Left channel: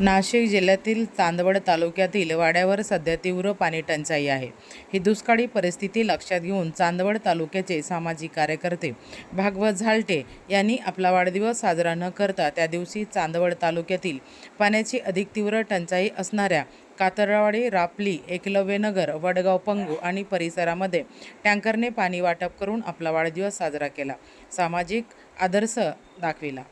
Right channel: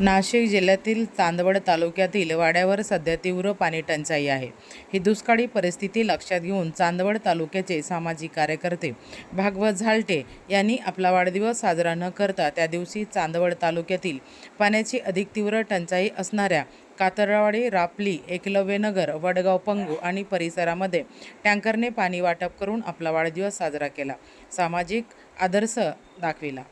नाशिक जिल्ह्यातील चांदवड तालुक्यातील वाड्यावर सध्या तीव्र पाणी टंचाई आहे. ही दुष्काळी परिस्थिती लक्षात घेऊन चांदवड तालुक्याचे सामाजिक कार्यकर्ते भागवत झालटे यांनी आपला वाढदिवस साजरा न करता त्या दिवशी चांदवड तालुक्यातील पाण्याची अधिक तीव्र टंचाई असणाऱ्या कातरवाडी रापली एकलव्यनगर वडगाव पंगू आणि परिसरामध्ये टँकरने पाणी वाटप करून आपला वाढदिवस साजरा केला. सामाजिक आदर्श दाखविला.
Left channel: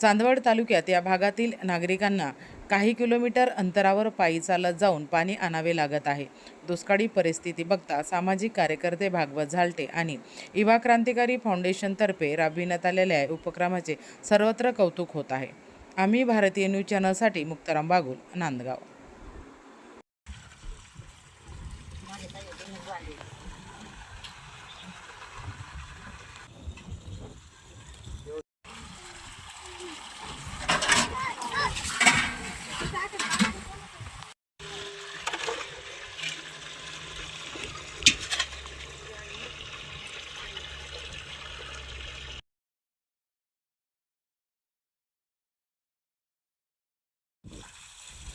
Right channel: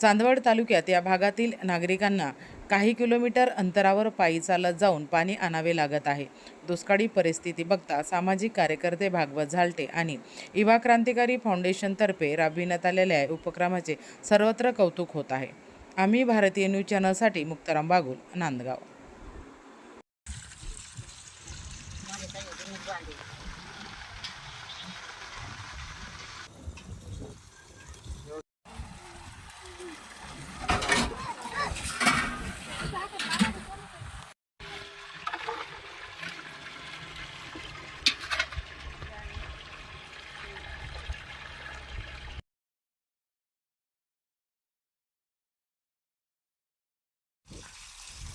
चांदवड तालुक्यात या भागातील नागरिकांना काही किलोमीटर अंतरावर पायी चालत जाऊन पाणी आणावे लागत आहे. दुष्काळी परिस्थिती बघता सामाजिक कार्यकर्ते भागवत झालटे आणि युवा क्रांतिकारी फाउंडेशनतर्फे राबविण्यात आलेल्या उपक्रमाचे सर्वत्र कौतुक होत आहे. आम्ही भारतीय न्यूज चॅनलसाठी मुक्ताराम बागुल नांदगाव.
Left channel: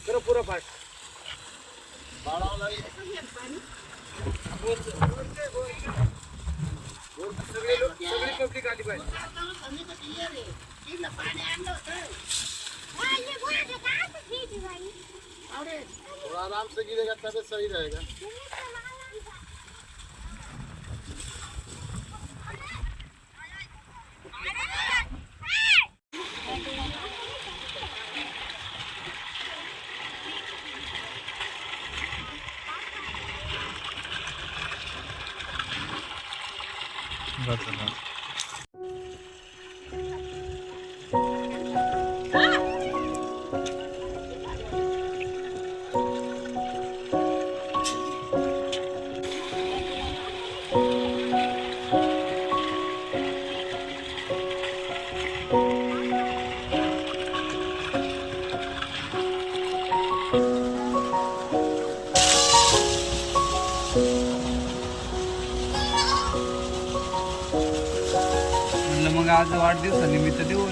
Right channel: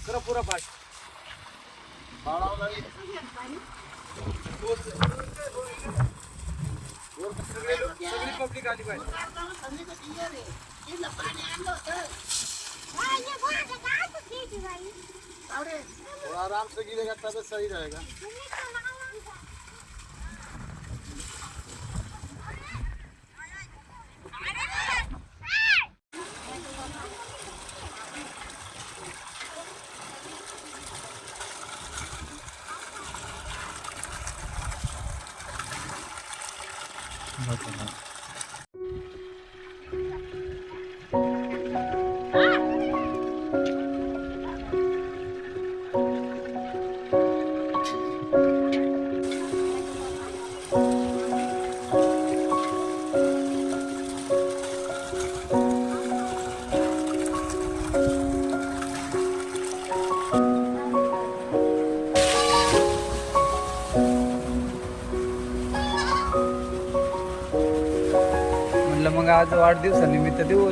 करा पुरा पाठ. सगळे लोक सगळी पब्लिक आली पाहिजे. थोड़ा आराम से गिरेगा तब सही रहेगा 那怎么 म्हणलं मग आज वाढदिवसानिमित्त देऊ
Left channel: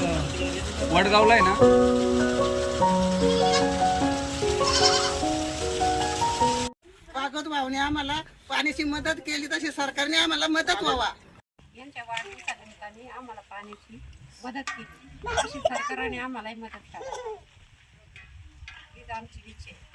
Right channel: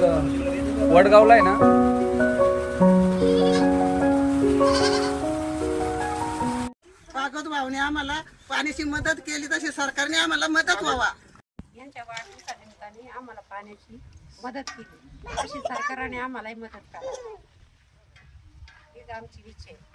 वडगावला आहे ना? भागवत भाऊने आम्हाला. पाण्याची मदत केली तशी सरकारने आम्हाला मदत व्हावा. यांच्या वाढदिवसानिमित्ताने आम्हाला पाण्याची मदत केली. अशी सरकारने आम्हालाही मदत करा हीच आमची इच्छा आहे.